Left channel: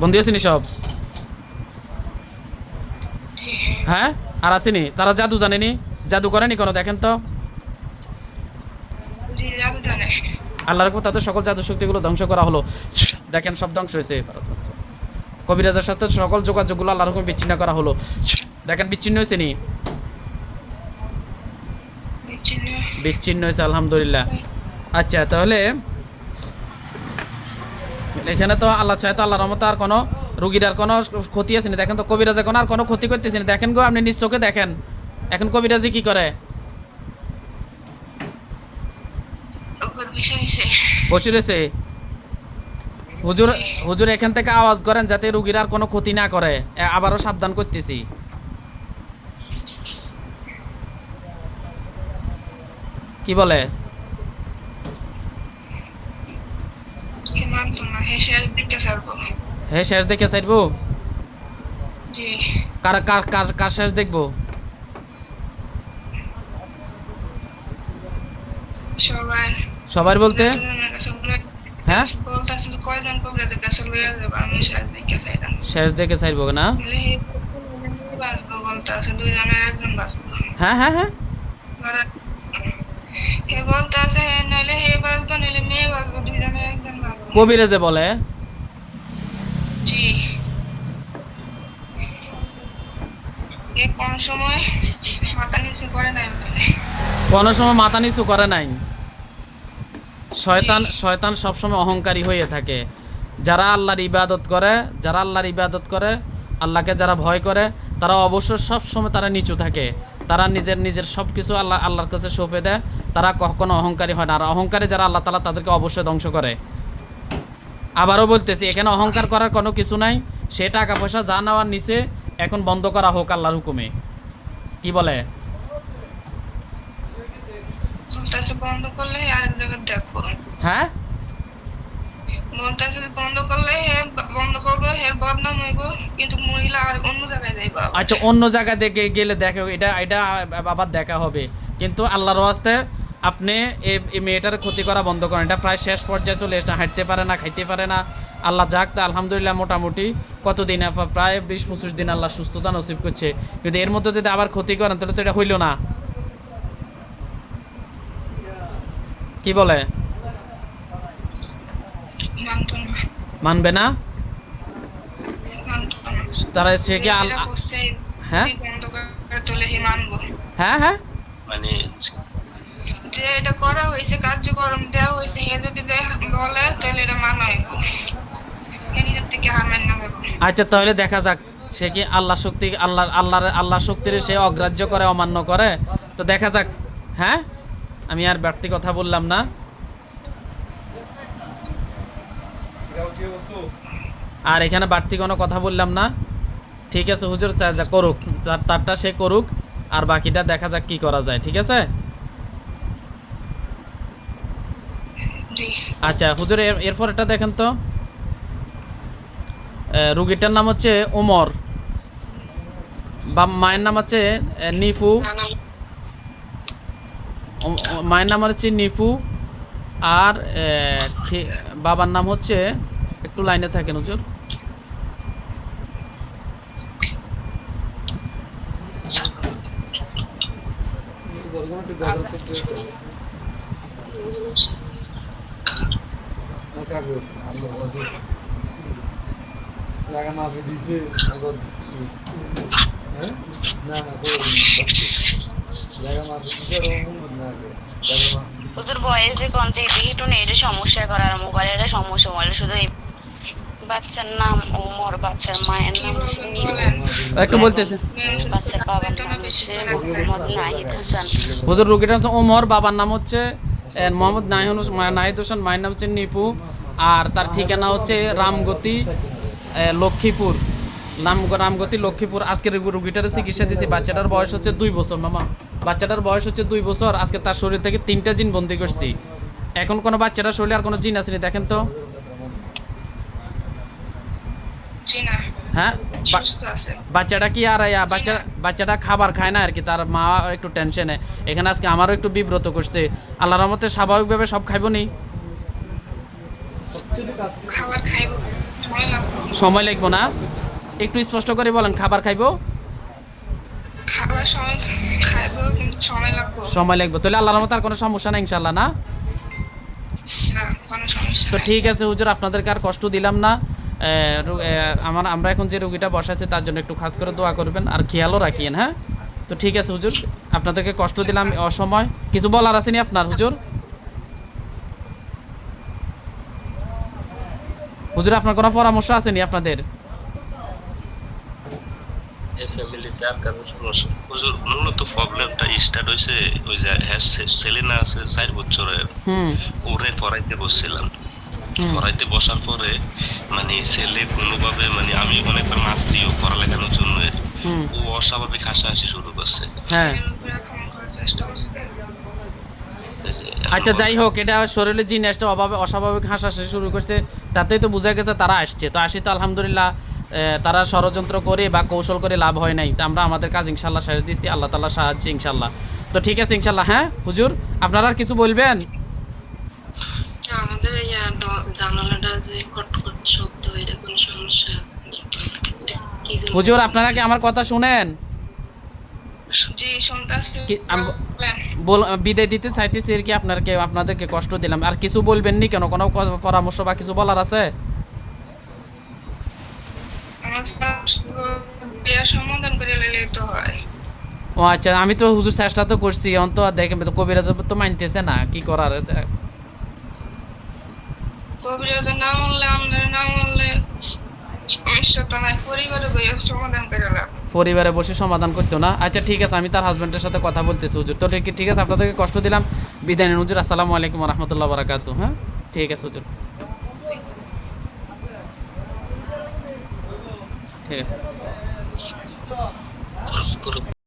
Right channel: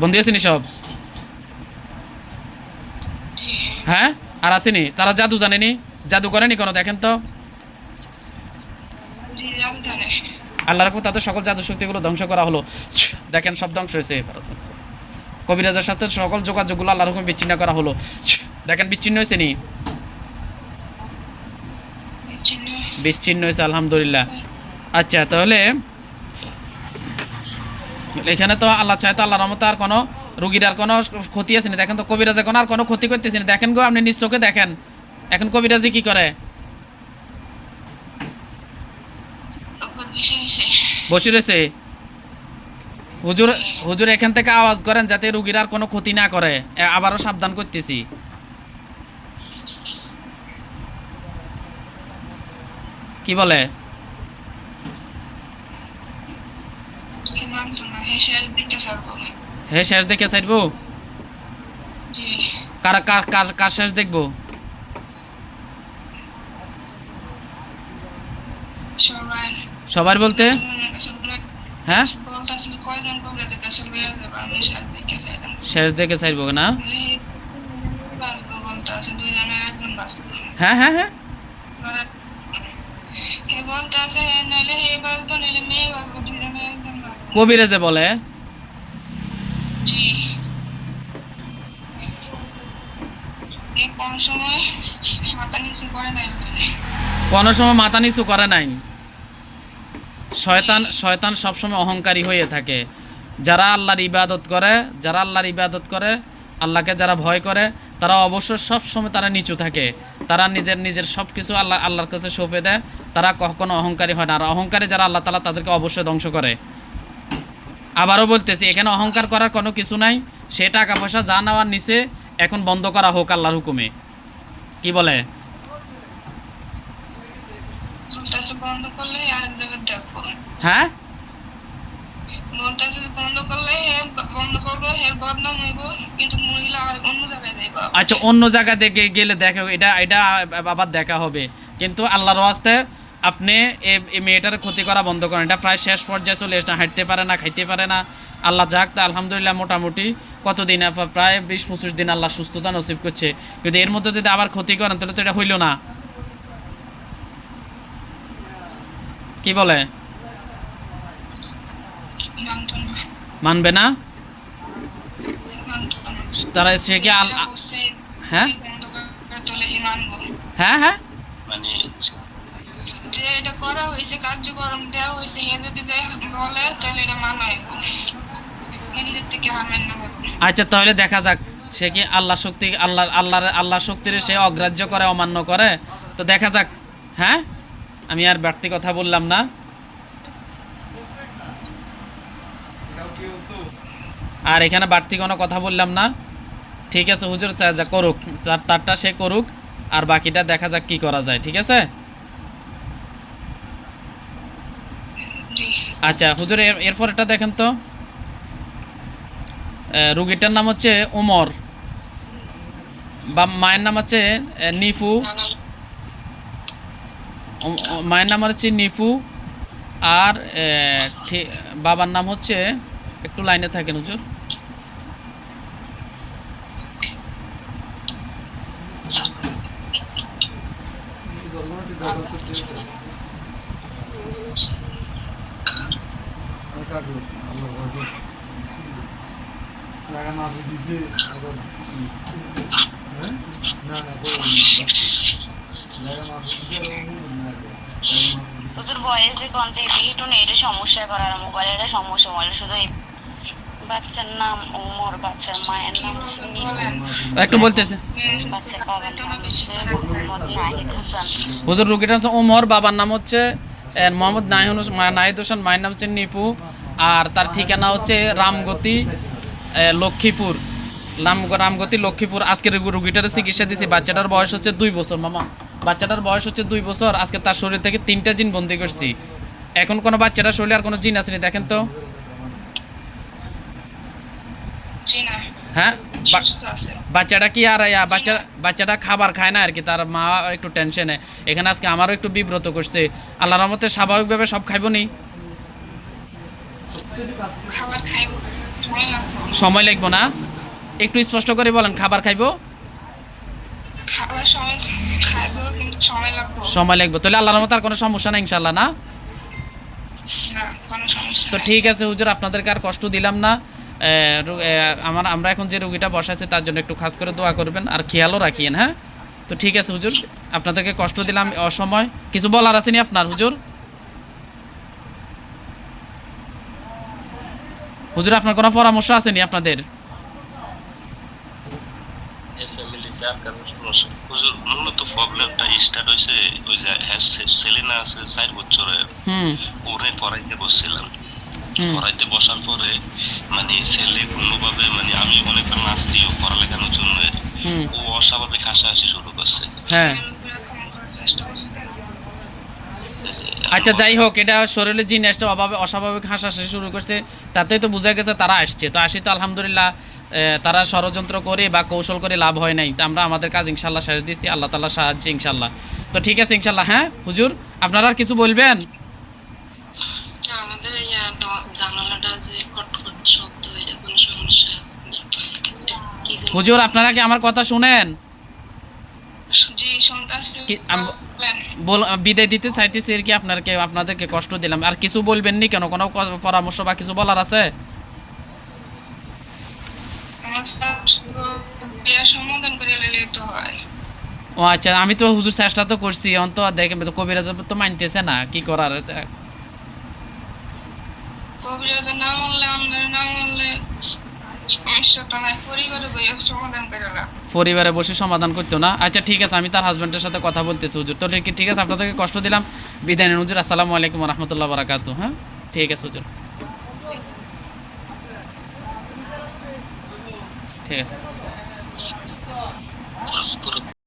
বন্ধু আসেনি সব? হ্যাঁ, আর আসেনি? তারা জাদু জানেনি, জাদু করেনি কোনো? দেখেন তো, আল্লাহর উপর তাদের সকল জাদু শক্তিগুলো ধ্বংস করা হলো। দেখেন সব ধ্বংস হয়েছে। কবিরাজের সাথে সকল যোগাযোগগুলো আল্লাহর হুকুমে বিচ্ছিন্ন করা হলো। দেখেন বিচ্ছিন্ন হয়েছে নি? বিচ্ছিন্ন হয়েছে, আলহামদুলিল্লাহ। আচ্ছা, তাহলে এখানে তো আল্লাহ চায় তো আল্লাহর রহমতে আর কোনো রুগীর আর কোনো ক্ষতি আছে না। দেখেন তো কবিরাজ এখন আর কোনো ক্ষতি করতেছে না। দেখেন গো, আপনি নিজ চোখে দেখেন এখন কবিরাজি কি করে, বসে রয়েছে। হুজুর, হুজুর এখান থেকে আওয়াজ করেন যাতে রুগীর আর কোনো ক্ষতি না করে। আবারও সাবধান করতেছি। কি বলে? হ্যাঁ, শেষ দেখে চাইবো। কার কার কার কার শেষ দেখবো? সবার বলতে? হ্যাঁ, শেষ দেখে চাইবো না? হ্যাঁ হ্যাঁ হ্যাঁ, কবিরাজে বলে। কোনো সময় মাথা নিচু করে নাই। শয়তান সবসময় অহংকারী হয়ে থাকে। যারা আল্লাহর ইবাদত করে, আল্লাহকে যারা ভয় করে, তারা অবশ্য সবসময় তারা নিচু থাকে। তারা নিজের সব কিছু আল্লাহর কাছে সঁপে দেয়। তারা কখনো অহংকারী হয় না। আর অহংকারী যারা, আল্লাহ তাআলা তাদেরকে অবশ্যই ধ্বংস করে। আবারও বলতেছি, এখানে অহংকার করার কোনো কিছু নাই। সে টাকা পয়সা যা নেওয়ার নিচে এখন বন্ধ করা হোক আল্লাহর হুকুমে। কি বলে? বন্ধ করলে আরেক জায়গায় দেখো। হ্যাঁ, আচ্ছা, অন্য জায়গা দেখে গেলে দেখো, এটা আবার দেখা হবে। কিন্তু আল্লাহর ওয়াস্তে আপনি এই মেয়েটার ক্ষতি করা বন্ধ করেন। এটা প্রায় শেষ পর্যায়ে চলে এসেছে, হাঁটতে পারে না, খাইতে পারে না। আল্লাহ যাক, তা আলহামদুলিল্লাহ মোটামুটি কতদিন, প্রায় 20-25 দিন আল্লাহ সুস্থতা নসিব করছে। কিন্তু এর মধ্যে যদি আবার ক্ষতি করেন তাহলে তো এটা হইল না। কি বলে? মানবে না তারা? সে কি হ্যাঁ হ্যাঁ হ্যাঁ, মানে যে এটা করা হয়েছে, কার্যক্রম দেওয়া হয়েছে, হে যদি বলে তাহলে এটা মানা হইব। নিজের থেকে হারমেন না দেব। আচ্ছা, তাহলে দেখা যাক সে কি আল্লাহ শক্তি, আল্লাহ শক্তির সে অগ্রাহ্য করে, অমান্য করে। তো দেখা যাক। হ্যাঁ, আমি আর বাড়তি কথা বললাম না। আর এখানে বাড়তি কোনো কথা বললাম না। ঠিক আছে হুজুর, যা করুক, তারটা সে করুক, আর বাকিটা দেখা যাক কি করা যায়। ঠিক আছে? আচ্ছা হুজুর, এরপর এটা দেখেন তো, রুগীটার নাম হচ্ছে ওমর, বা মায়ের নাম হচ্ছে নিফু। মায়ের নাম হচ্ছে নিফু, আর বাবার নাম হচ্ছে, একটু লাইনে থাকেন হুজুর। হুজুর বয়সে কোন থেকে একটু নেটে সমস্যা করার মোবাইলের সমস্যা, মোবাইলে শুধু বাচ্চার নাম ওমর, বাচ্চার মায়ের নাম হচ্ছে নিপু, একটু বলতেছে। বাচ্চার বাবার নাম হচ্ছে মোহাম্মদ নাহিদ হাসান। হুজুর, রুগীটা হচ্ছে ওমর, বাবার নাম হচ্ছে মোহাম্মদ নাহিদ হোসেন, মায়ের নাম হচ্ছে নিপু, আর তার ঠিকানা হচ্ছে রামগতি, লক্ষ্মীপুর। রামগতি লক্ষ্মীপুর। আজকে রুগীটার চিকিৎসা দিয়েছি। বাচ্চাটার বয়স হচ্ছে 2 বছর। মামা, বাচ্চাটার বয়স হচ্ছে 2 বছর। আজকে তার শরীর থেকে 3টা জিন বন্দি করছি। এখন কোনো বাচ্চাটার শরীরে আর কোনো জিন আসেনি। দেখেন তো। হ্যাঁ, বাচ্চাটা কি আর বাচ্চাটা খাবার খায় না আর কি, তার মা একটু টেনশনে। এখানে আজকে আমারও একটু বিব্রত করছে। আল্লাহর রহমতে স্বাভাবিকভাবে সব খাইব নি। সময় লাগবে না, একটু স্পষ্ট করে বলেন। খাবার খাইবো, খাবার সময় খাইবো কিন্তু সময় লাগবে সময় লাগবে, তাহলে আল্লাহর রহমতে আর কোনো সমস্যা নাই ইনশাল্লাহ না? না, কোনো সমস্যা তো নাই। ঠিক আছে হুজুর, আপনাদেরকে আর কষ্ট দিলাম না। আমরা এখন যে রুগীটা বসাচ্ছি তার জন্য একটু খাস করে দোয়া করবেন আর খেয়ালও রাখিয়েন, হ্যাঁ? তো ঠিক আছে হুজুর, আপনাদেরকে কষ্ট দিলাম অসময়। কিছু বলার আসেনি আপনার হুজুর? হুজুর আপনার কোনো পরামর্শ আসেনি আপনাদের? এই ফ্যামিলিতে আর কারো সমস্যা হুজুর, মূলত প্রবলেমটা স্টার্ট হয়েছে ওই যে ছেলে না আছে 4 বছরের, হুম ওরে পড়াইতে বসছিলাম। হুম পড়াইতে বসার পরে মানে ছেলে কোনোভাবে মানে আমি অনেকবার মারছি ও পড়ালেখানোর জন্য, হুম ও অস্বাভাবিক হাসাহাসি শুরু করছে। হ্যাঁ এরকম করার চেষ্টা করছি। এই যে আচ্ছা যাই হোক, এটা শরীরে জিন আসছে, অস্বাভাবিক হাসাহাসি শুরু করছে, তাতেই তো বোঝা গেছে তারা আসছে। তো আসি তো আলহামদুলিল্লাহ, তারা ষড়যন্ত্র করে বা কৌশল করে লাভ হয় নাই। তো আমরা আমাদের কাজ ইনশাল্লাহ শেষ দিচ্ছি, আল্লাহ তাআলা সাহায্য ইনশাল্লাহ। তো ঠিক আছে ইনশাল্লাহ। হ্যাঁ হুজুর, আপনারা আর কিছু বলবেন? আমাদের এই জানালাটা যে কটকট শব্দ, এটা কোনো সমস্যা নেই? কি যেন- হুজুর আপনারা কি আমার কথা শুনেন? জি, শুনতাছি। কি- আম- বলেন। বিদায় দিতে চাইতেছি আর কি, আপনাদেরকে কষ্ট দিলাম। আর কিছু বলবেন নি কেন? কোনো পরামর্শ বা কিছু বলার আছে? আমার বিয়ার সমাধান করে নিলেই তো হয়। ও আচ্ছা, আমি তো হুজুর চেষ্টা তো করছি, অন্ত দেখেন তো কবিরাজ তো মানতেছে না, কি করার? কবিরাজের না মানলে, আমাদের না মানলে সমস্যাটা নাই, পরিবারে বইয়া সমাধান করে লাভ। পরিবারে বসে সমাধান করতো না? আচ্ছা ঠিক আছে, আমি তার হাজব্যান্ডের সাথে কথা বলতেছি হুজুর। তো ঠিক আছে, আপনাদেরকে কষ্ট দিলাম, বিদায় নেন হুজুর। আসসালামু আলাইকুম রহমতুল্লাহ বারাকাতু। হ্যাঁ ঠিক আছে হুজুর, ঠিক আছে। পুরো